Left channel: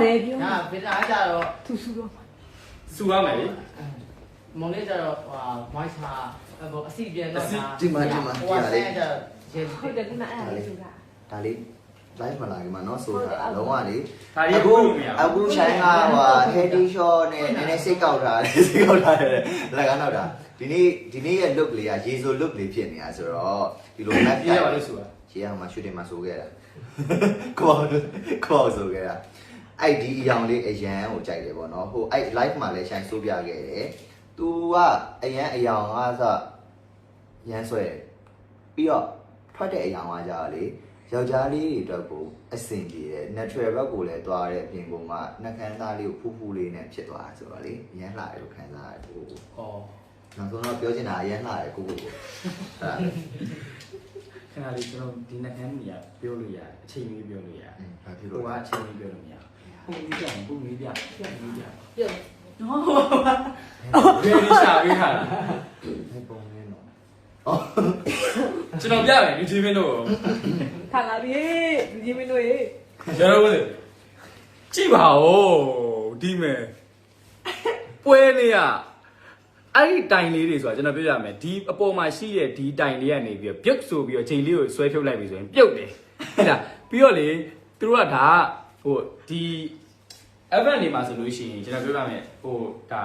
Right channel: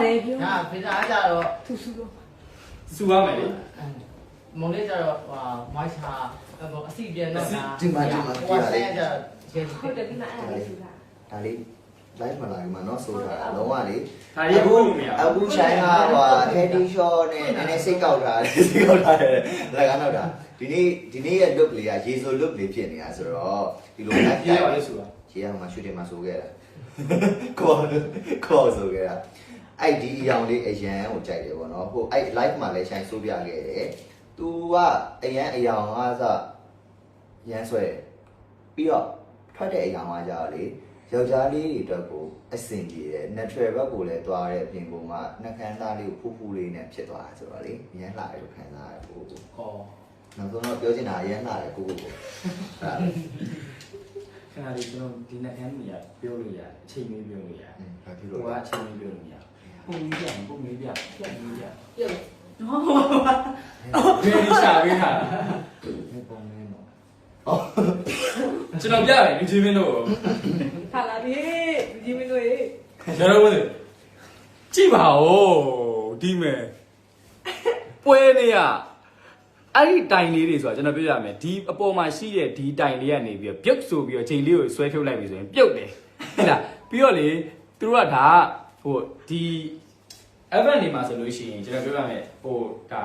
တယ်ပြော ဒါဗီတာကြတော့ သူစုတော့ စူရမယ်လေ မုံလေးကြတော့ဟာမွိုက်စာဟိုအစီပြန်တော့ဒါ ဒီမှာဒီမှာ ဟို ဒီ က မှာ ဆဲ လေး ကြတော့ရဲ ဟုတ်တယ်ဒီမှာအဲ့ဒါစုတာ ဒါလေး live မလာခင်မှာเนาะဆိုတာလုံးဝလေ ဒါရီအခုလို့မရဘူး အခုရှိုင်းကဟို heady shot နဲ့နည်းနည်းစိတ်ကောက်ထားတယ်စိတ်ကောက်ထားတယ်လက်ကနောက်တာဒီနေ့ဒီနေ့ရဲ့ look လေးကရေဆို look လေးဖြစ်နေတာဆိုတော့ဒီလို live ပြေးရပါလို့ဆိုတာ ရေအောင်မှာ shooting မှာဆိုခဲ့တာကိုအောင်ကိုအောင်ဆိုခဲ့တာ အဲ့ဒီအရောင်လေးအရန်ကိုကြိုက်တယ်ပေါ့နော်ဟိုအဲ့ live မှာလည်းရှိုင်းဆိုးပြခဲ့တယ်သူကအရန်အရောင်အားစရန်ဆွဲတယ်ပြီးတော့ထွက်တဲ့အရောင်အားကြတော့လေယောက်ျားလေးတွေအတွက်ကိုအဆင်ပြေတယ် natural ဘက်ကိုလည်းသွားတဲ့အပြင်ပုံကနှကန်းသားလေးကိုဖူးဖူးလေးနဲ့ဖြစ်သွားတာဆိုတော့လေရမ်းလာတယ်လို့ခံစားရတယ်ကိုကိုဩနောက်ဆုံးတော့ပြောချင်တာရမ်းလာတယ်ကိုကိုကိုဒါခဏလေးကျွန်တော်ဒီနှစ်ခန်းကြီးပြောလို့ရတယ်အချိန်လေးပြောလို့ရတယ်ဘာဖြစ်ဟိုလို့ကအချိန်လေးပြောလို့မရဘူး ပုံကြီးပြပုံကြီးပြပုံကြီးပြပြည့်နော်ဘယ်လိုရှာပေးထားတာလဲပုံလေးနော်ကျွန်တော်ပြမယ်လူချင်းမင်းတို့ကိုခါလာပြီဒီမီတို့ရေကျွန်တော်ဝင်ကြည့်ပါဦးဒီမဲ့ပွဲနေရအဲ့ဒီတိုင်လေးတွေဆိုတာကျွန်တော်ပြောရမယ်ဒီအပေါ်မှာရှိတဲ့ဒီတိုင်လေးကနေပြီးတော့ပြုတ်ဆိုပြီးတော့ချိန်လေးကိုဆွဲထုတ်လိုက်ပြီဆိုရင်ပြုတ်တယ်ဟုတ်လားပြီးတော့လေသူတို့ကဒါက ဟိုဒီ event တွေမှာဆိုလို့ရှိရင်ကျွန်တော်ပြောရမယ်ဟိုဒါ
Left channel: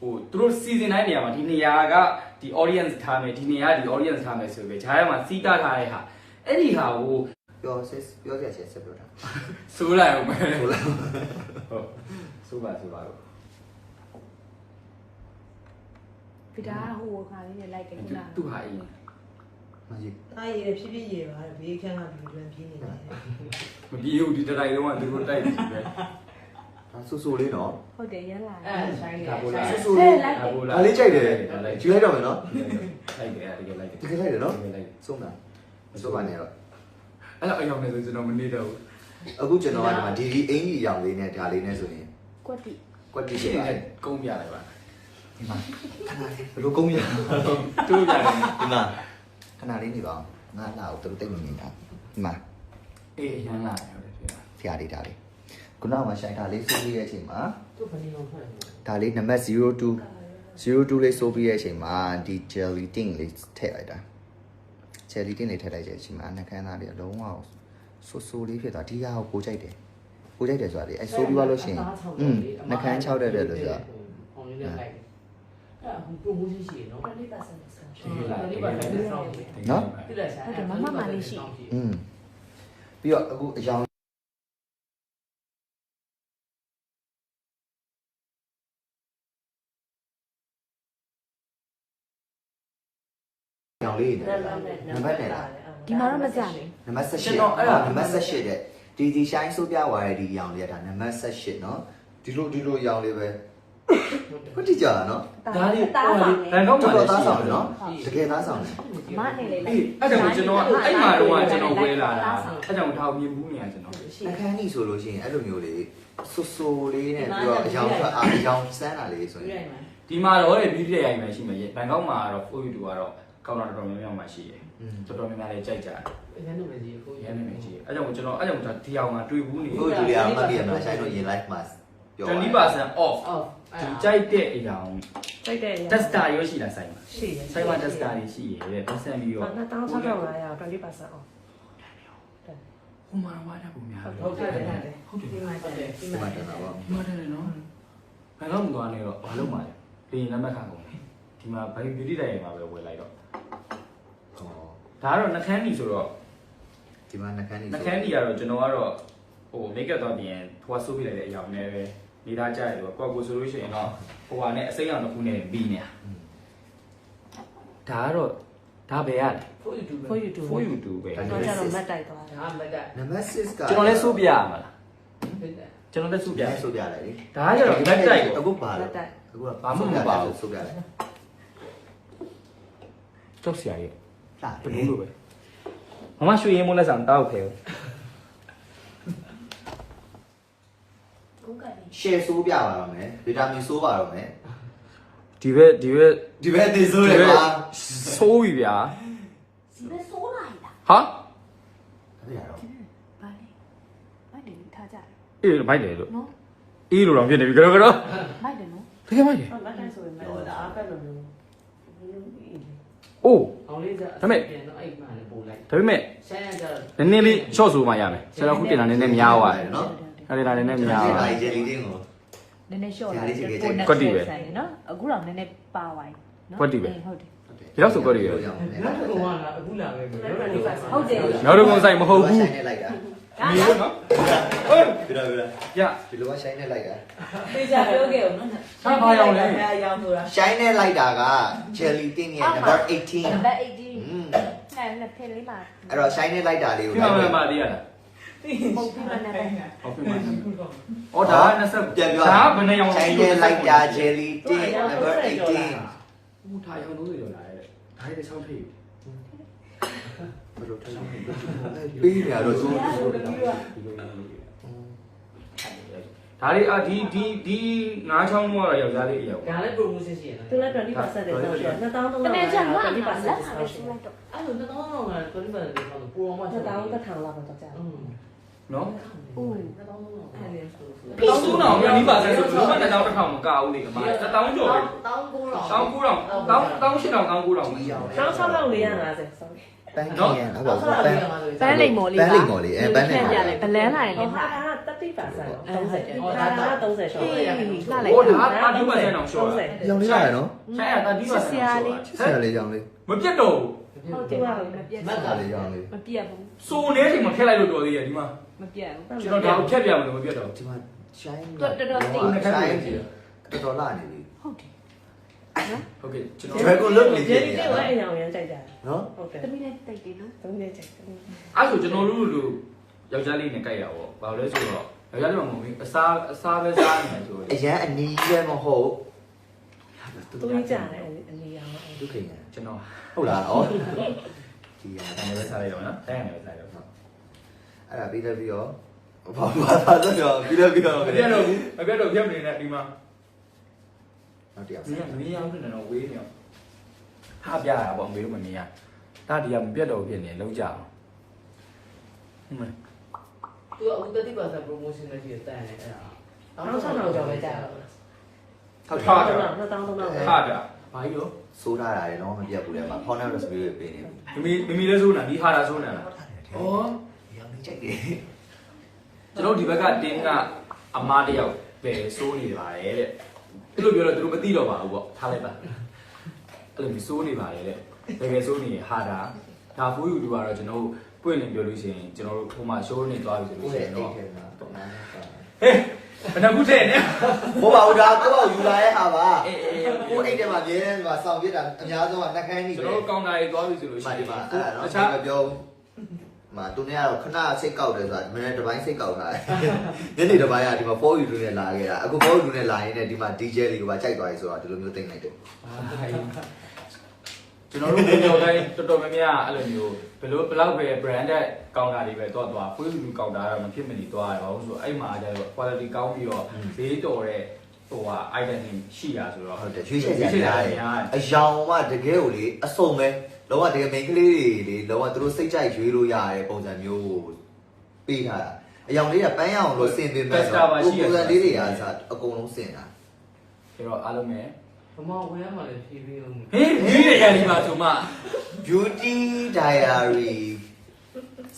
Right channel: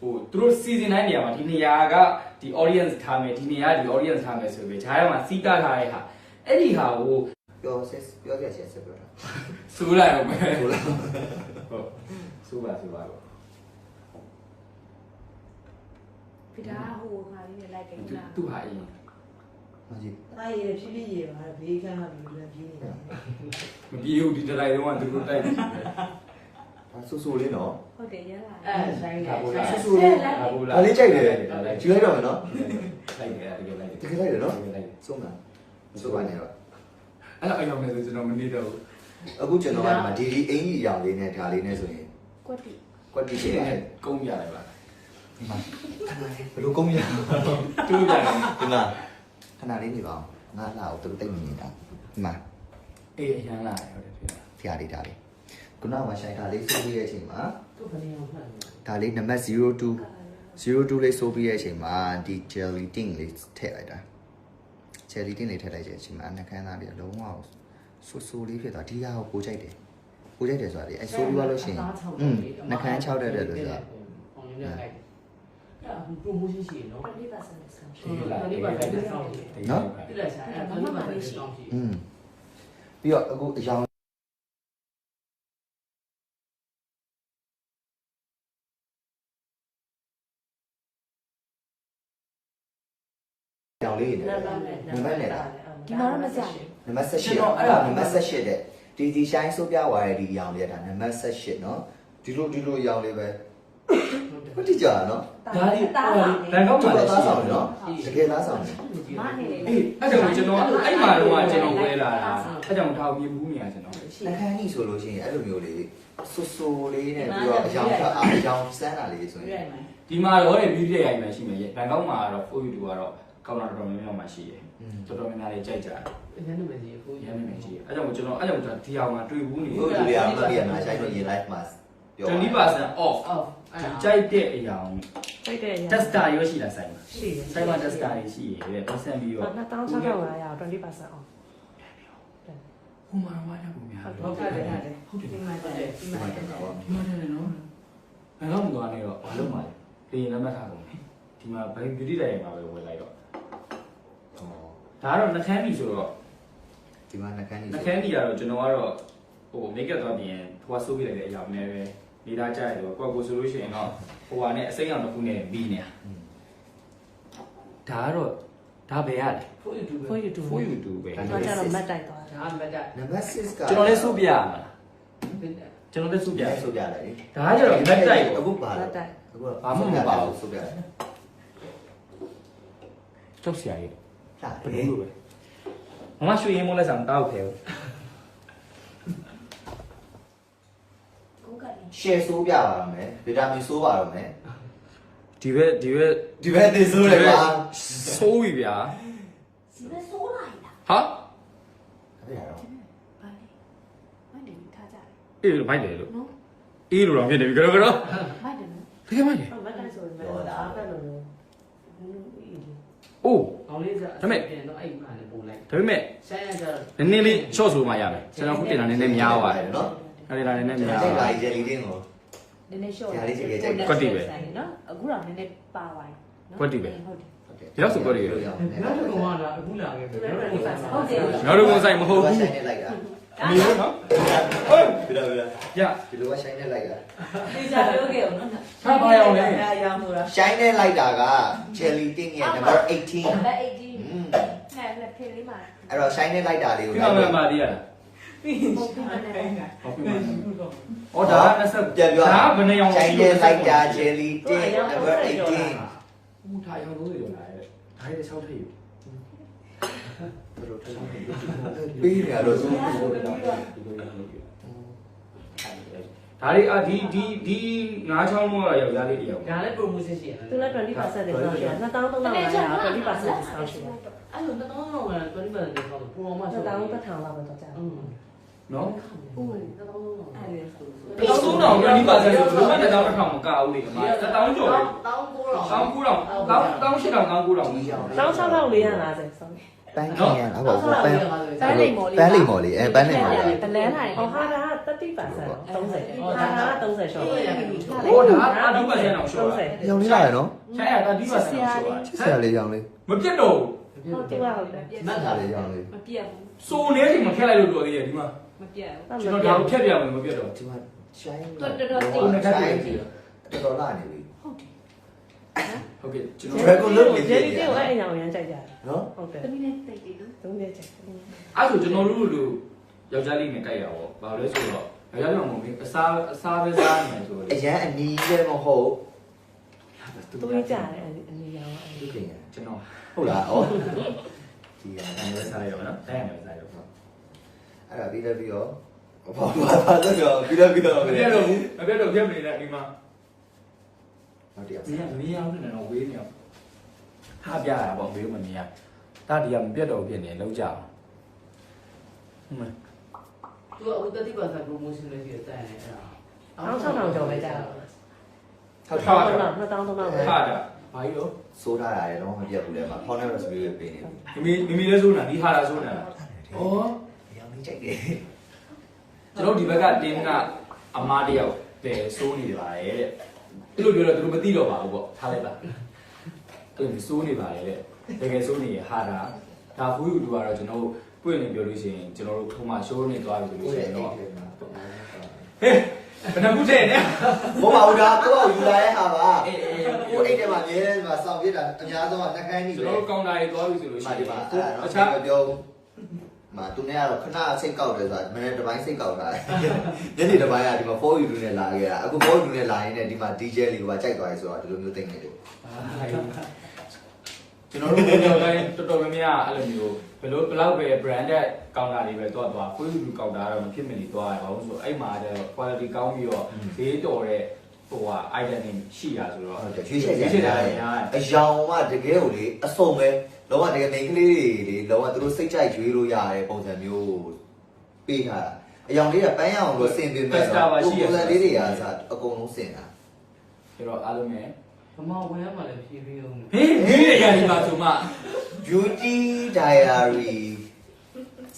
ဟိုသူတို့ season တိုင်းနေရာမှာဒီနေရာကဒီ audience ထားမယ်ဒီနေရာကဒီ audience ထားမယ်ဆိုပြီးဂျားထဲမှာစီးတာထားတဲ့ဟာအဲ့ဒီဟာကိုပြောစစ်ပြောရချက်ဆက်ပြောတာဆိုးလိုက်အောင်မယ်ဟုတ်လားဟုတ်ဆိုးပါဆိုးပါတော့ဗီတာဟိုကလေးနဲ့လိုက်ကြသူတာသူဟာအရင် မကြီးအားရဖြည်းဖြည်းရေပါဘေးခန်းကပြီးပြန်ပြေးနေတယ်မပြေဘူးဒီတိုက်တုံးကသူတို့တိုက်ပြီပဲဒါဆူဆူလေးနော်ဟုတ်တယ်ရလာအဲဆိုင်ကဒါပို့လားဆူဆူလေးဒါပို့လားဒါလေးကြိုက်တယ်ကြည့်လိုက်တော့မယ်နော်လိုက်တယ်တကယ်လိုက်တယ်တကယ်လိုက်တယ်နော်တကယ်လိုက်တယ်ဆုံးတာဆုံးပါနေတော့အဲ့တော့အိမ်ရောက်နေဆိုကျွန်တော်မနေတော့ဘူးအခုကျွန်တော်ကဒီမှာဒီဒီအင်ကြီးအရောင်လေးနဲ့ဒါလေးနဲ့ဆိုရင်ကွက်တိကွက်တီဒီဖြစ်နေ့ပါတယ်ကုန်းပြလိုက်ပါဒီမှာခဏလေးဘယ်လိုကုန်းရတူးပြတယ်ဒီမှာခ ဏလေးနေပါအောင်ငါလာကိုသူတို့တိတ်မမြင်တာဒီမှာအေးရန်လာတယ်ဟုတ်တယ်ဖြစ်တာဆရာလေးဒါလေးခုနကမှရှိုင်းဒါလေးဆိုးပြီးတဲ့အချိန်မှာသူ့ဘယ်နေအောင်ဖွင့်လဲဒါလေးနံပါတ်02 02လေးဆိုးပြီးတဲ့အချိန်မှာဒီ jelly ting လေးထည့်လိုက်တာ jelly ting လေးထည့်လိုက်တဲ့အချိန်မှာနှကန်းသားလေးအလုံးဝဆူဆူလေးဖြစ်သွားဒီဟာကိုပိုကြိုက်တယ်ပိုကြိုက်တယ်ဆိုတာလေအဲဆိုးပြီးသွားလို့ရှိရင်อืมနှကန်း6တက်တယ်လို့ဆိုတာဟိုလေးလိုက် တယ်အဲ့ဒါဘုံမရှိရှိနော်20%နဲ့ဆောင်းရှိလာတယ်ဒီပါလိုက်ဆောင်းနော်ပြလိုက်ဆိုင်အဲ့ဒါဘာမှမရှိอืมပြီးတော့အခုအယောင်ရောင်လေးနေတယ်နံပါတ်နဲ့လားဒီမှာတော့မကြဘူးနံပါတ်18နော်အဲ့ဒါနံပါတ်18တဲ့ဒီဒီရှိုင်းဆိုးပြသွားတဲ့ဒီအရောင်လေးကဒါနံပါတ်18နော်ဒီလိုဒီလိုအရောင်လေးပဲ ခုတိကြနော်ဒါလေးဟိုလေးဘန်ကောက်ကျွန်မှာတော်လည်းသားရှိဆောင်တယ်တယ်နော်နော်တကယ်သားဆောင်တယ်မနေလေအေးအဲ့ကြောင့်ကျွန်တော်အဲ့မှာတော့ကျွန်တော်ဝဲလာတာအဲ့ကြောင့်ထားပြီးဘူးနေရကျွန်တော်အခန်းကြီးဆိုလို့ရှိရင်အဲ့လိုမျိုးလေးဆူဆူလေးနဲ့ပြီးတော့အယောင်ဖတ်အားအယောင်စမ်းတာလေးဆိုရင်ဒီမှာတော့လေပြီးတဲ့ရိုင်မှရှိမယ်ဘန်ကောက်မှာတော့ for you ကတော့ကောင်းတာတော်တော်များများမှရှိတယ်တော်တော်များများလေးကြိုက်ကြတယ်ဘယ်လိုလဲဒီကိုရမ်းနေမယ်ရှိတယ်အဲ့ကြောင့်ကျွန်တော်အဲ့ကြောင့်ဒီအောင်မှာတွေ့ဘူးနေဘို့လူတွေကမှတ်ပြရမှာဆိုင်တော့ရင် live မှာပြော20% off အော် ဒီကြိုက်တဲ့အရာတိုက်တဲ့ရ tester ရောရှိလားဆိုင်မှာရှိတယ်ဆိုင်မှာ tester တွေရှိရဲ့ပတ်စံပြီးရော2600 20% off ဟိုမှာဝါရပုံများဟုတ်ကဲ့ဟုတ်ကဲ့ဟုတ်တယ်ဒီမှာတက်တယ်ဒီဒီမှာမှာတတက်ယ်တာတာပေါ့ပေါ့ဒီမှာတယ်နော်ဘယ်တော့မှသွားနေတော့ဘာလို့မှလဲလေရင်လက်မှတ်ထားကုန်ပြီဒီမှာဘယ် beauty တိုင်မှာပဲဝယ်လိုက်တော့ဒါကတော့နှကန်းကြီးဆိုတော့ဒီမှာနှကန်းကြီးနှကန်းကြီးကတော့ကျွန်တော်ကတော့ဟို make up တော့ပြင်ဟိုကဆိုးပြလိုက်တဲ့အရာနဲ့ပဲ နေသားကြရတယ်ဆိုတော့ကိုယ့်ကိုဆိုလို့ရှိရင်တော့ဟိုဟာနဲ့အစိမ်းအောင်တစ်ခုနဲ့ပြီးနေတာဒါကတော့ဒါပဲရလဲဖို့ယူတူပဲ for you to for you to ပဲတော့ကြတော့မတ်တိုက်သွားတယ်အားမတက်နံပါတ်6ကကျွန်တော်လည်းစိုးပြရမှာလားကျွန်တော်လည်းစိုးပြပြန်ဆိုပြလိုက်လေဒါကကျတော့ back တိုက်ကိုအခုပါမတော့တ်တိုက်အခုကဘာမှမပါဘူးဆိုပြလိုက်ကြောက်စရာကြီးလာဘယ်လိုလုပ်ပဲမမရွှေရင်မိုးလက်ဆောင်တောက်ဖဲဟုတ် ကဲ့ရှယ်ဆိုးပြပါတော့မယ်ဗီတာမင်ဆိုးပါတော့မယ်ဒီဘက်ဒီဘက်ဒီဘက်သေဆိုးတယ်ကွာဆိုးပြီဗျာဒီမဲ့ဆိုးလိုက်လားဟာအဲ့ဒါတော့ဘာလဲဘာလဲထားကြတယ်အေးမိုက်တယ်လို့နော်အေးလို့တော့ဖြစ်နေပြီကတော့ကတော့မိုက်တယ်နော်တကယ်မိုက်တယ်မတ်တိုင်းဆိုရင်မအားဖက်လို့လို့အိုးအောင်လေးစားဒါပေမဲ့ပြန်တော့အဲ့မှလည်းပို့လိုက်ဒါပေမဲ့ဆိုင်ရကြတော့နည်းနည်းလေး short ဆိုမှရမယ်ဆရာခုတင်တာနည်းနည်းများသွားတယ်နော် အဲ့ဒါလည်းနည်းနည်းများကျိုက်သွားပါဂျယ်လီတင်းကိုနည်းနည်းရှော့ညာလေးချစ်ခဲ့ကြိုက်တယ်ကွက်တီပဲနော်အခုတော့နည်းနည်းပါသွားတယ်နော်ကွက်တီပဲဟုတ်တယ်ဟုတ်တယ်ဒီလောက်ဆိုကွက်တီပဲနောက်တစ်ကောင်ကလာအခုလာခဲ့တယ်ဟုတ်တယ်နောက်တော့ကိုစိုက်မဟုတ်ဘူးဆိုင်နဲ့လိုက်တာနေရနော်ဟေးပြတော့ပြတော့ရဒီလိုကဆိုင်နဲ့လိုက်တာသိကြပြောခဲ့အောင်နော်ဆက်ပါအောင်လေအရောင်ဆိုတာဆိုင်နဲ့လိုက်တာကဂျယ်လီတင်းရဲ့ number 18ဘက်80อืมအဲ့နဲ့ဖေးလေးမှာအဲ့တော့ဆိုင်နဲ့လိုက်တာလေးကိုဒီလိုမှာက်မှပါမတည်ရလား ဟုတ်ပြီနော်ဟုတ်ပြီဩဒါ20ပြန်ပြောဒါဘယ်နှရောင်ဆိုင်နဲ့လိုက်တာဂျယ်လီတင်း number 18ဦးထားရောင်လို့ရလာတယ်ဒါလေး6ထိပ်ဘယ်လိုထိုးပေးရတော့သူဒါလေးအာဒီဒီဒီငါးချောင်းမို့တော့ယောက်ျားလေးတယောက်ဒါလည်း promotion ရှိရတယ်သူလည်း20% discount ရှိရ2300 20% discount ရှိရအဲ့လိုတော့တော့20% discount ပရိုမိုရှ2000င်းကထောင်လောက်ပဲတော့ကြာอืม နော်ဟုတ်တယ်တော့တော့အဲ့လေဆိုဆိုတော့သုံးတောင်20%ဆိုဘယ်မှ1000တစ်ထောင်မကဘူးလေအမ1000ကျော်ပဲတောင်းကိုတော့တောင်း9000တောင်းတောင်း8000တောင်း9000မရဘူး6450 sorry ပန်းခင်ရအောင်ဟုတ်ပါဘူးပန်းပန်းလိမ်မော်လေးပန်းလိမ်မော်လေးအဲပန်းလိမ်မော်လေးဘလန်းလိုက်ဟောဟာဒါက30% 30ဟာဒါက30 short ဟိုဒါပါဒီပါဆန်အောင်ရှော့တာရောင်လေးရတယ်နော်ဆိုင်ရတာဒီပါဆန်အောင်ရှော့တာဆရာလေးရောင်လေးမပြတ်တော့ဟုတ်တယ်ဟုတ်တယ်မတ်ဆလာရာလေလေးရောင်လေးမပြတ်ဘူးစိုးနေချိန်မှာခက်လိုက်လို့တော်သေးရဲ့ဒီမှာ မပြတ်ဘူးကျွန်တော်ဒါကိုဖြတ်ပြရမယ်မပြတ်တော့ဒီမှာရှိုင်းတော်တော်တော်တော်တော်လာနေပြီဟုတ်ကဲ့ကျွန်တော် Dragon လုတ်နေဂျယ်လီတဲ့ဝဲအရောင်ရမ်းကြိုက်ကြတယ်နော်ဟုတ်တယ်သမီးနဲ့တိတ်တယ်နော်သုံးနေကြိုက်တယ်အဲ့ဆိုကျွန်တော်တို့လူယောက်ျားလေးနဲ့ကြိုက်တာပေါ့ဘာလို့လဲဆိုတော့ယောက်ျားလေးကမဟုတ်ဘူးအစားအစားပဲစားနေတယ်ဆိုအရန်အနီးလည်းမဟုတ်သူကြီးကြတယ်အနေရောင်အဲ့ဒုက္ခရကျွန်တော်ဟုတ်လားဩဒီရအဲ့ဒါပဲစားလိုက်တော့နော်အဲ့ဒါပဲစားလိုက်တော့ အဲ့ဒါပြီးတော့ပြီးတော့ဘာဘာဘာဆိုတော့ပြီးတော့ပြီးတော့မပြတ်တော့ဘူးမပြတ်တော့ပြတ်မနေနဲ့ဒီမှာနောက်တစ်ယောက်ဒီကမင်းရောင်းနေတော့ဝေးနေအောင်ထားပြရတာပေါ့မေတို့မမြင်ရဒါဒီကမပြတ်တော့ဖြစ်နေလောက်ကြအောင်ဒီမှာသူကအခု30% promotion လည်းရှိတယ်တန်တယ်အဲ့ဒါနောက်6000ကျော်ပဲကြာတော့ထောက်ထားတာ2000 2000ထားတာဘာကြီးတော့စိုးထားတာရယ်နော်မပြတ်ဘူးလေမှာ Honor Raspberry ပဲပေးနေပြီမမမမီလဲဆိုးနာဒီဟာတာဆိုးနာဩရောင်လေး ကြိုက်တယ်ကျွန်တော်ဒီဘက်ကတင်းကအမားတယောက်ပဲစိုးနေပါတယ်တဲ့အဲ့လိုပြောတော့သူတို့မသိတော့ပါဘူးပေါ့ထားလိုက်ပါအဲ့လိုမျိုးစိုးနေပါတယ်တဲ့တကယ်စိုးနေရဟာတာဒါဘူးယူတူကတော့ကျွန်တော်တို့ပွင့်လင်းပြောလို့ရှိရင်ကျွန်တော်တို့ထုံးမှာရှိုးနေသွားပြီဆိုလို့ရှိရင်တော့ဟေးဘယ်နှခုထဲနဲ့ဘောပါဦးဒါကိုယ့်အောင်ယူလာတဲ့ဟာပါအေးအေးကိုအိတ်ထဲမှာမြဲတယ်မှာစောင့်ပြတာအများဆုံးကနှကန်းကြီးကျွန်ပဲတော်တို့ကောင်တာတွေသွားပြီဆိုလို့ဒီရှိမှာရင်ဒီမှာအဲ့ဒါတော့တခြားမပြောဘူး မှာသူနဲ့ကတော့ခဏစိတ်ကောက်တယ်ဆိုတာမနေ့တစ်ပိုင်းစိတ်ကောက်လာတယ်ညနေတစ်ပိုင်းကဒီမှာ 4U နဲ့လာခဲ့တာအခု 4U နဲ့လာရင်းနဲ့ဒီမှာ DJ လေးကကြိုက်သွားပြီဆိုတော့ဒီလိုမျိုးသိနေတယ်ကျွန်တော်တို့ပြောတိုင်းတော်တော်များများအဲ့လိုမျိုးဘယ်လိုဘယ်လောက်ပဲ branded ကောင်တာတွေပဲသွားသွားကိုယ်လူကောင်တာကတော့မဖြစ်မနေသွားရပါဘူးဆိုတော့အဲ့မှာကျတော့ quality ကောင်းပြီးတော့ဈေးတော်တဲ့ဟိုဟာ item တွေရှိတာဆိုတော့ဟုတ်တယ်ရွှေ့ချက်ရရတယ်အယောင်ကတကယ်ကိုလေအစုံပဲ လောကတကယ်မိန်းကလေးတွေလေလောကသူတို့စိတ်ကြိုက်ရွေးလို့ရတဲ့ပုံစံမျိုးပေးထားတာအယောင်လေးကပန်းရအောင်လို့စင်ပင်မဲ့တော့ပုံစံလေးတွေအားစအကုန်လုံးစင်တာကျတော့အားလုံးပဲမမဝယ်ရမှလည်းဖြည်းဖြည်းအောင်ဟေးဒီရရဒီမှာဆိုမှ Beauty Diary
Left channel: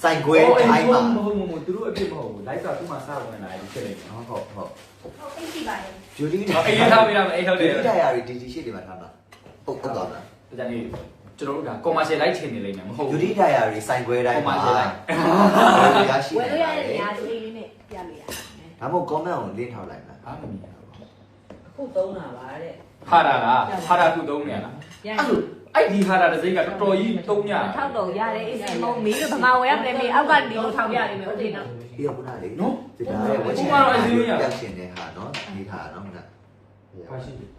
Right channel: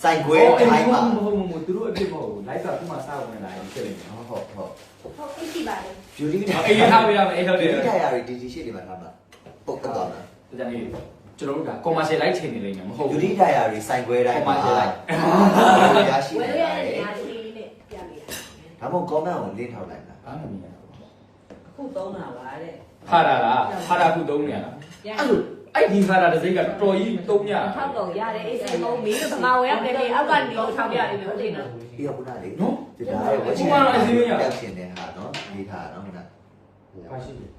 စိုက်ခွဲထိုင်းမှာမဟုတ်မဟုတ်သူတို့အပြစ်မဟုတ်ဘူး live ကသူ့မှာစောက်ဝင်လာတယ်ဖြစ်နေတယ်ဟုတ်ဟုတ်ဟုတ်ဟုတ်အိတ်စီပါတယ် Beauty အေးထားပေးရမယ်အေးဟုတ်တယ် Beauty Diary ဒီဒီရှိတယ်မှာထားမှာပုတ်တော့လားဒါကြောင့် ကျွန်တော်တို့က commercial live ထင်နေလိမ့်မယ်မဟုတ်ဘူး Beauty Diary စိုက်ခွဲတိုင်းမှာ Commercial live ရရှိဝယ်နေရပါတဲ့လေနေရာလေးနဲ့ပြမယ်ဒါမှမဟုတ် comment ကိုလင်းထောက်လိုက်မှာဘာမှမမြင်ဘူးခုသုံးတာပါတဲ့ဟာတာလားဟာတာခုသုံးနေရလားအဲ့လိုအဲ့ဒီဟာတာတစ်စိတ်ကတော်တော်ကြီးသုံးရတာထောက်တော့ရတယ်အေးစီမုံမင်းကဘာဝယ်ရပြပြအောက်ကနေထောက်ရတယ်လို့သိနော်ပြီးတော့ခုနလေးနော်ဒီဒါရဲ့ဝက်ချင်ရောက်ရှင်တဲ့ဟာနော်ဒီဟာနော်ခုနဟာရှိတယ်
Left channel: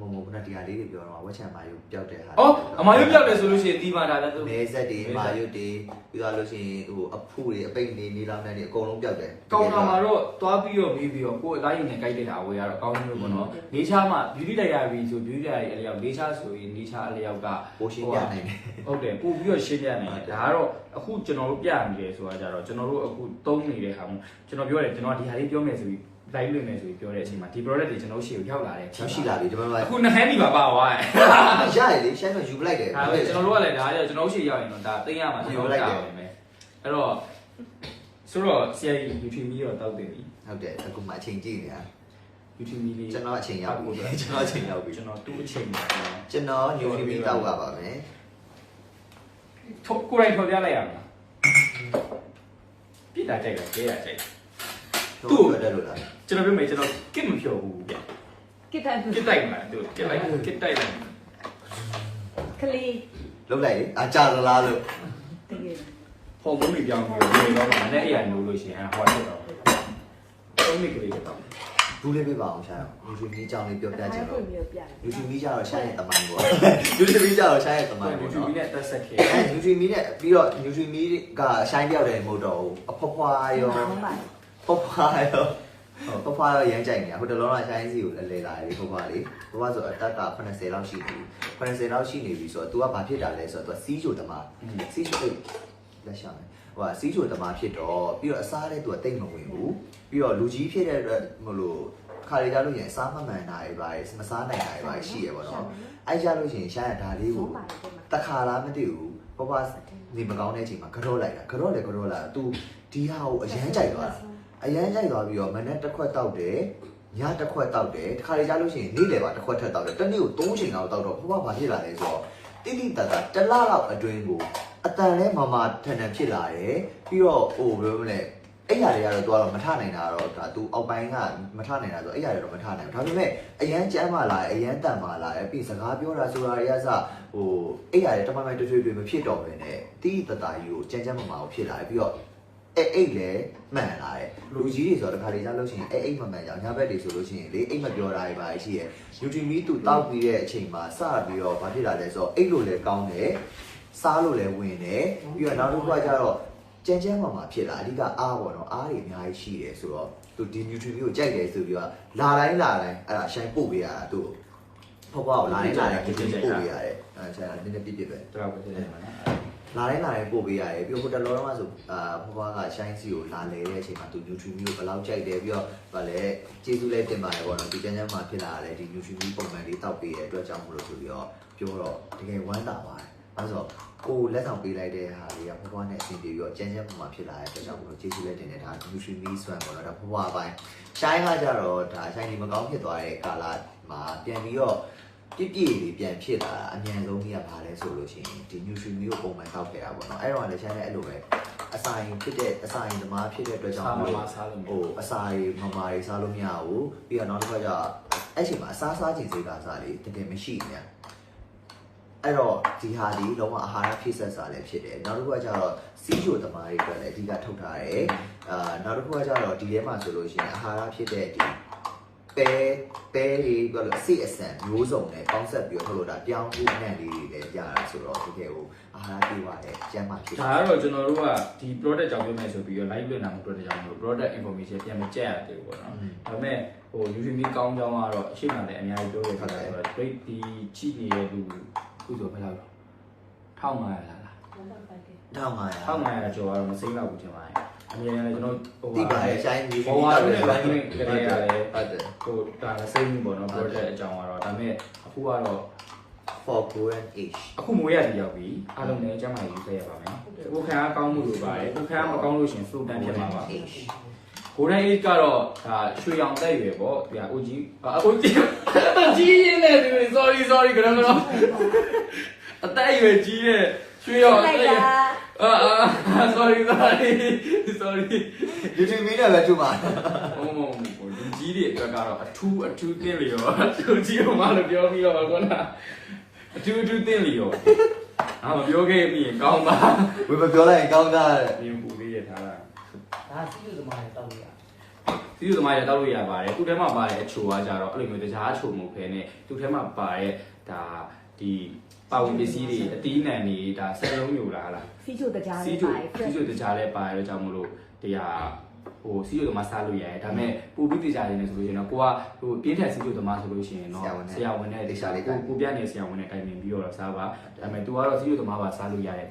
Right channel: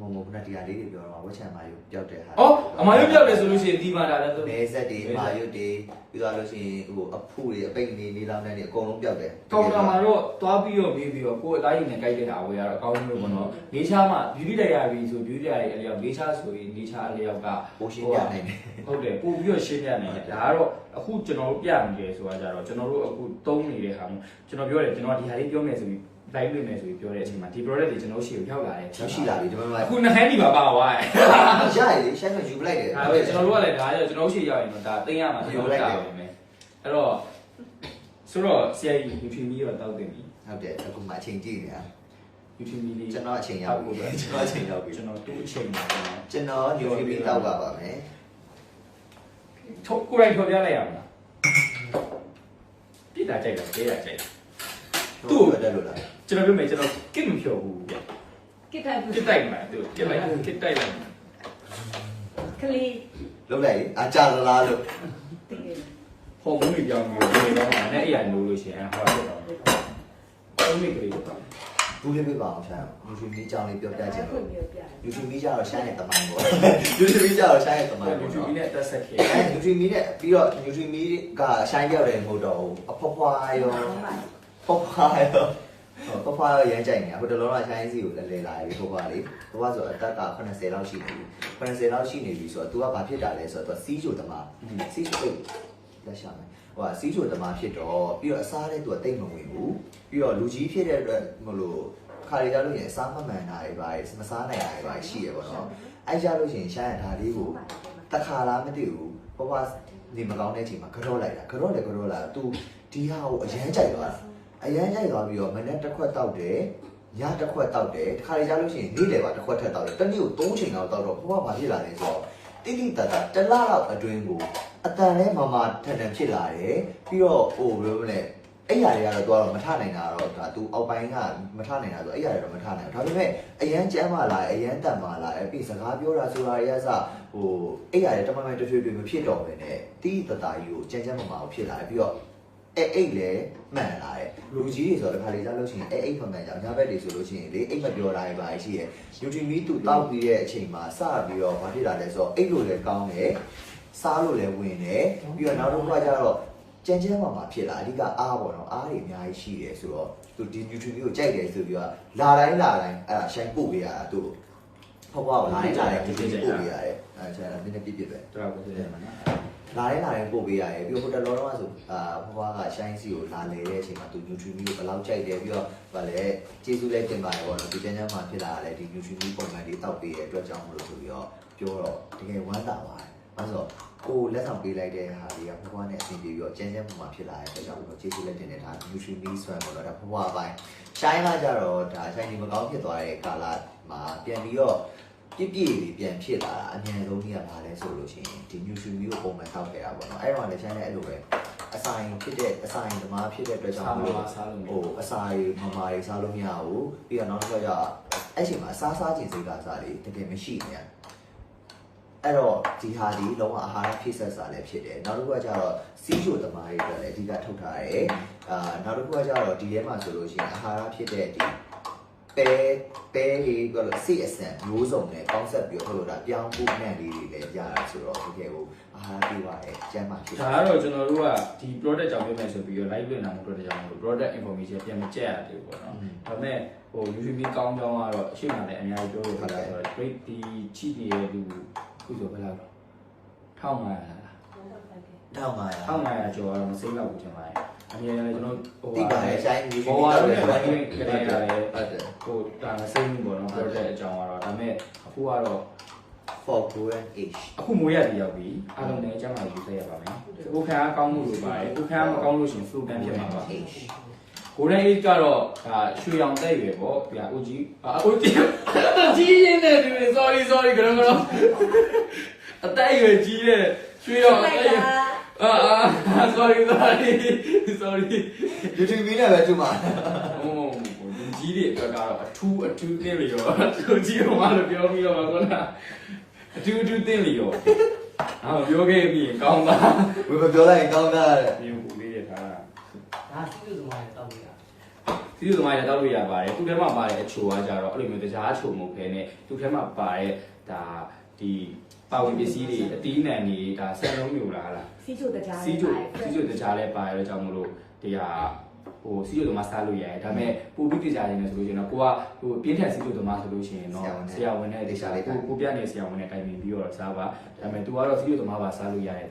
မမမခုနတရားလေးတွေပြောတော့ဝက်ချန်မာယုပျောက်တဲ့ဟာအော်အမရုပ်ပြောက်တယ်ဆိုလို့ရှိရင်ဒီမှာဒါလည်းသူမဲဆက်တွေမာယုတွေပြီးတော့လို့ရှိရင်ဟိုအဖူတွေအပိတ်နေနေလောင်းတဲ့တွေအကုန်လုံးပျောက်တယ်ကောင်တာမှာတော့သွားပြီးတော့မေးပြီးတော့ကိုယ်အသားရည်နဲ့ကြိုက်တဲ့ဟာဝယ်ရတော့အကောင်းဆုံးပဲပေါ့နော်နေချာမှာ beauty diary ဆို beauty diary အလျောက်နေချာဆိုရင်နေချာအလျောက်ကပိုးရှင်းပြနိုင်တယ်ဟုတ်တယ်ပို့ပြီးတော့ရှင်းပြနိုင်တယ်ဒါကတော့အခုကျွန်တော်တို့ပြနေတယ်ဆိုတာကြတော့ကျွန်တော်တို့အခုသုံးနေတဲ့ဟာမျိုးကျွန်တော်ပြောတယ်ကျွန်တော်ဒီဟာလေးပြောမယ်ဆိုပြီး live လုပ်မယ်ဆိုပြီးပြောတဲ့အချိန်မှာဒီ product တွေကျွန်တော်တို့ရှေ့ကိုရောက်လာတယ်ရောက်ရှိလာပြီဒီမှာအခုနှစ်ခန်းဒီမှာပါသွားတယ်ရရလေရှိုင်းတော့ယူပလိုက်တယ်ဒါပဲကျွန်တော်တို့ကလည်းဒါကကျွန်တော်တို့ရှေ့ရောက်ရင်တော့ဒါသိရမှာကျွန်တော်တို့တာပဲမယ်အဲ့တော့ဆိုတော့ဆရာကြီး YouTube မီတော့တောက်တယ်ပြီဟုတ်တယ်အခုမှအချိန်ကြည့်နေတာ YouTube မီလေးကျွန်တော်အချိန်ရောက်ပြီကျွန်တော်အချိန်ရောက်ပြီကျွန်တော်သူ့အချိန်မှာကျွန်တော်ကျွန်တော် YouTube တောက်ပါပါမယ်ထုတ်ကိုယ်တိုင်ထုတ်ပြလိုက်ရမလားပြစ်တာကြိုက်တာကြေးတာကြိုက်သူ့ကိုတက်လို့လား ကျွန်တော်ပြောမယ်ကျွန်တော်ကစ်မဖြော်ဘူးကိတန်ကစ်တိုက်မှာသူကစ်လိုက်ကစ်တိုက်လိုက်မှာကလေးလုံးလိုက်လေအကြသလားလို့ဟော်မုန်းတွေပြောင်းပြီးတော့ဒီတော့မနဲ့အဲ့ရနိုးလို့ရှိရင်ဟောတော့တော့သုံးမိကလေးတော့ဘူးလေးပြပါအောင်ရှာ YouTube ကြီးအကြောင်းလေးပြောပြချင်လို့ YouTube ကြီးကျတော့ရှာရဲ့တမိုင်းပေါ့ YouTube ကြီးကျတော့ရှာရဲ့တမိုင်းပေါ့ YouTube နော်နဲ့တက်ဆက်ခဲ့အဲ YouTube မီနဲ့ပြီးတော့ YouTube မီကရှိုင်းပြောက်တယ်မဟုတ်တော့ဘူးအဖွားဖွားရောဖွားဖွားရော ဖွားဖွားရောရမ်းကြိုက်နေတာဟိုတလောကရှိုင်းစီကိုလည်းလဲလာတယ်ဖွားဖွားလေးဖွားဖွားဆိုအတက်က80လောက်ရှိနေပြီ80လောက်ရှိနေပြီဆိုတော့ तू ကဘာဖြစ်တာလဲဆိုတော့ तू စီးချိုတမစီးချိုလက်ရှာမယ်ဟိုကစီးချိုတမဖြစ်တော့ပြီးတော့အစားလည်း तू ကတိတ်မဝင်ဘူးပြီးတော့လူကြီးဖြစ်တဲ့အတွက်မလို့ခါရီကြလို့ရင်အစားမမှန်တာတွေပါမစားနိုင်တာတွေပါရှိရပါတော့အဲကြလို့ရှိရင်ရှားရဒါလေးကို တခါလားမသိဘူးဘဘနေမကောင်းတဲ့အချိန်မှာကြော့လိုက်တာကြော့လေကြော့လာ तू ဒီဟာကိုအရန်ကြိုက်သွားတာ အရန်ကြိုက်သွားပြီးတော့မနေ့တစ်ခွက်တောက်တယ်ညတစ်ခွက်တောက်တယ်တခါလေကြားလို့ရှိရင်နေ့လယ်ပါတစ်ခွက်ထက်တောက်တယ်တနေ့ကို၃ချိန်လောက်တောက်တော့ဘဘဘာဖြစ်လာလဲဆိုတော့တိတိတတ်တာတစ်လလောက်အတွင်းကိုအတန်နဲ့မမထန်ထန်ဖြစ်လာတယ်ပြီးတော့ဟိုဘယ်လိုမလဲအဲ့ຢာတွေကတော့ तू ကတော့မထနိုင်တာတော့ဒါ तू အောက်ပိုင်းကမထနိုင်တာဆိုအဲ့ຢာတွေတော့မထနိုင်ဘူးဒါပေမဲ့အရန်ကြမ်းပါလားအရန်တန်ပါလားအဲ့ပြီးစကားပြောတာဆိုတာတွေကစ ဟိုအဲ့ရတယ်တမန်မိုင်တွေ့တွေ့တွေ့မဖြစ်တော့ပဲနဲ့တီးတတာကြီးကိုကြမ်းကြမ်းမမာကိုဖြစ်လာတယ်ပြီးတော့ အဲ့အိတ်လည်းမှန်လာတယ်လူကြီးတွေဆိုတော့တခါလေကြားလို့ရှိရင်အဲ့အိတ်မမှန်ကြအောင်ညဘက်တွေဆိုလို့ရှိရင်လေအိတ်မပြောတာတွေပါရှိရယ်ယူတီမီတူတောက်ပြီးတဲ့အချိန်မှာစပြီးတော့ဘာဖြစ်လာလဲဆိုတော့အိတ်လို့လည်းကောင်းတယ်စားလို့လည်းဝင်တယ်ပြီးတော့နောက်တစ်ခုကကျတော့ကြမ်းကြမ်းမာမာဖြစ်လာအဓိကအားပေါ့နော်အားတွေအများကြီးရှိတယ်ဆိုတော့သူဒီ nutrient ကိုကြိုက်တယ်ဆိုပြီးတော့လာတိုင်းလာတိုင်းအဲ့ဒါရှိုင်းပို့ပေးရတာသူ့ကိုဖွားဖွားလာတိုင်းလာတိုင်းဒီပို့ပေးရတယ်အဲ့ဒါနည်းနည်းပြပြပဲတော့ပဲနေမှာနော် လာတိုင်းလာတိုင်းပို့ပေးရတယ်ပြီးတော့ဟိုတလောတော့ဆိုအာဖွားဖွားကရှိုင်းစီကိုလာလေတဲ့အချိန်မှာသူ nutrient မျိုးဘယ်လောက်ကြိုက်တယ်ပြီးတော့ဗာလဲကျေးဇူးလည်းတင်ပါတယ်ပေါ့နော်ဒီကျန်းကျန်းမှာဖြစ်လာတဲ့ဒီ nutrient မျိုးပုံမှန်လေးတောက်ပေးတဲ့အတွက်ကြောင့်မလို့ဆိုပြီးတော့ပြောတော့တကယ်ဝမ်းသာပါတယ်အဲဆိုတော့ကိုလက်ဆောင်ပေးလိုက်တဲ့ဟာတွေကဖွားဖွားနဲ့အဆင်ပြေပြီးတော့ကျန်းကျန်းပုံမှန်ဖြစ်လာတဲ့အတွက်ကြောင့်မလို့ကျေးဇူးလည်းတင်တယ်ဒါ nutrient မျိုးဆွမ်းပေါ့နော်ဒါဖွားဖွားအပိုင်းရှိုင်းကကြတော့ဒါရှိုင်းဒီမကောင်းဖြစ်သွားတဲ့ကာလမှာပြန်ပြီးတော့ ပြည့်ပြည့်လေးပြန်ဖြစ်လာတာအမြန်ဆုံးကြီးကဘာလဲဆိုလို့ရှိရင်ဒီ nutrient မျိုးကိုပုံမှန်တောက်ခဲ့တာပေါ့နော်အဲ့တော့လည်းချမ်းတဲ့အဲ့လိုပဲအစာရင်ဖြစ်တဲ့အစာရင်သမားဖြစ်တဲ့အတွက်ကြောင့်စားမမို့မစားလို့ဟိုအစာတွေမမာတွေစားလို့မရဘူးပြီးတော့နောက်တစ်ခါကျအဲ့ချိန်မှာအစားစားခြင်းစိတ်ကစားလေးတကယ်မရှိနေရအဲ့တော့ဒီဟာဒီလုံးဝအာဟာရဖြည့်ဆက်စာလည်းဖြစ်တယ်နောက်တစ်ခုကကျတော့စီးချိုသမားတွေအတွက်လည်းအဓိကထုတ်ထားတယ်အာနောက်တစ်ခုကကျတော့ဒီထဲမှာဆိုလို့ရှိရင်အာဟာရဖြစ်တဲ့ဒီ ပဲပဲလေးကလို့စိအဆန်မျိုးစုံနဲ့ပေါင်းဆက်ပြီးတော့ထုတ်လို့ဒါပြောင်းဖို့အနံ့လေးတွေလည်းရတာဆိုတော့တကယ်ကိုအာဟာရပြည့်ပါတယ်ကျန်းမာဖြစ်ဒါကတော့ကျွန်တော်တို့ကဒီ product ကြောင့်ပြောမယ်ဆိုပြီးတော့ live လွှင့်တာမျိုး product ကြောင့်မလို့ product information ပြန်မကြက်ရတယ်ပေါ့နော်ဒါပေမဲ့ဟို YouTube ကောင်းကြောင်းကတော့အရှိမှလည်းအများကြီးပြောခဲ့တာဆိုတော့ great ဒီချိနေတဲ့လူခုဆိုဘယ်လောက်လဲ1500လား1500 1500ကျော်ကတော့မစိမ့်တော့ဘူးထင်ပါတယ် အမြဲတမ်းကျွန်တော်ဟိုတိပါတယ်ရှိုင်းမျိုးဘောရတဲ့ live လွှင့်ကြတဲ့ကလည်းဟုတ်တယ်ဟိုဒါမစိမ့်ဘူးပေါ့နော် project အကြောင်းကတော့ဒါပေမဲ့အခုကတော့ for golden age အခုမွေးရတည်ရောက်ပြီအားလုံးလည်းအကျမ်းမာရေးဆက်ရပါမယ်ကိုခံအားကောင်းမှုလိုပါတယ်ကိုခံအားမကောင်းလို့ရှင် flow တန်းဖြစ်မှာပါ age golden age ကတော့ဒါရွှေရောင်တက်ရွယ်ပေါ့ပြအိုကြီးအာအိုကြီးကြီးရင်းနေတယ် sorry sorry ကတော့ကတော့အသက်အရွယ်ကြီးတဲ့ရွှေရောင်အသက်အရွယ် အာအာ sorry sorry sorry YouTube မင်းနဲ့ပဲတူမှာဟိုဟိုဒီကြီးတွေအတွက်ကတော့အထူးအထူးသင်လျော်အထူးကြီးအောင်မလို့ပြောပြီးတော့ကောနာအထူးအထူးသင်လျော်အာပြောခဲ့ပြီးရင်ကောင်းပါဝေမပြောလိုက်ရင်ကောင်းတာတဲ့ဒီပူလေးရထားတာဒါစီးလို့သမားတွေတောက်ရဟစီးကျူသမားရတောက်လို့ရပါတယ်သူ့ထဲမှာပါတဲ့အချိုကကြတော့အဲ့လိုမျိုးတကြားအချိုမဟုတ်ခဲနဲ့သူ့ထဲမှာပါတဲ့ဒါ ဒီပါဝင်ပစ္စည်းတွေအတီးနှံတွေဒါဆက်လုံးမျိုးလားဟလားစီချိုတကြားစီးကျူစီးကျူတကြားလဲပါရတော့ကြောင့်မလို့ဒီဟာဟိုစီးကျူသမားစားလို့ရတယ်ဒါပေမဲ့ပူပြီးတကြားနေတယ်ဆိုလို့ရှိရင်တော့ကိုကဟိုပြင်းထန်စီးကျူသမားဆိုလို့ရှိရင်တော့ဆရာဝန်နဲ့ကိုကိုပြနေဆရာဝန်နဲ့တိုင်ပင်ပြီးတော့စားပါဒါပေမဲ့ तू ကတော့စီးကျူသမားပါစားလို့ရတယ်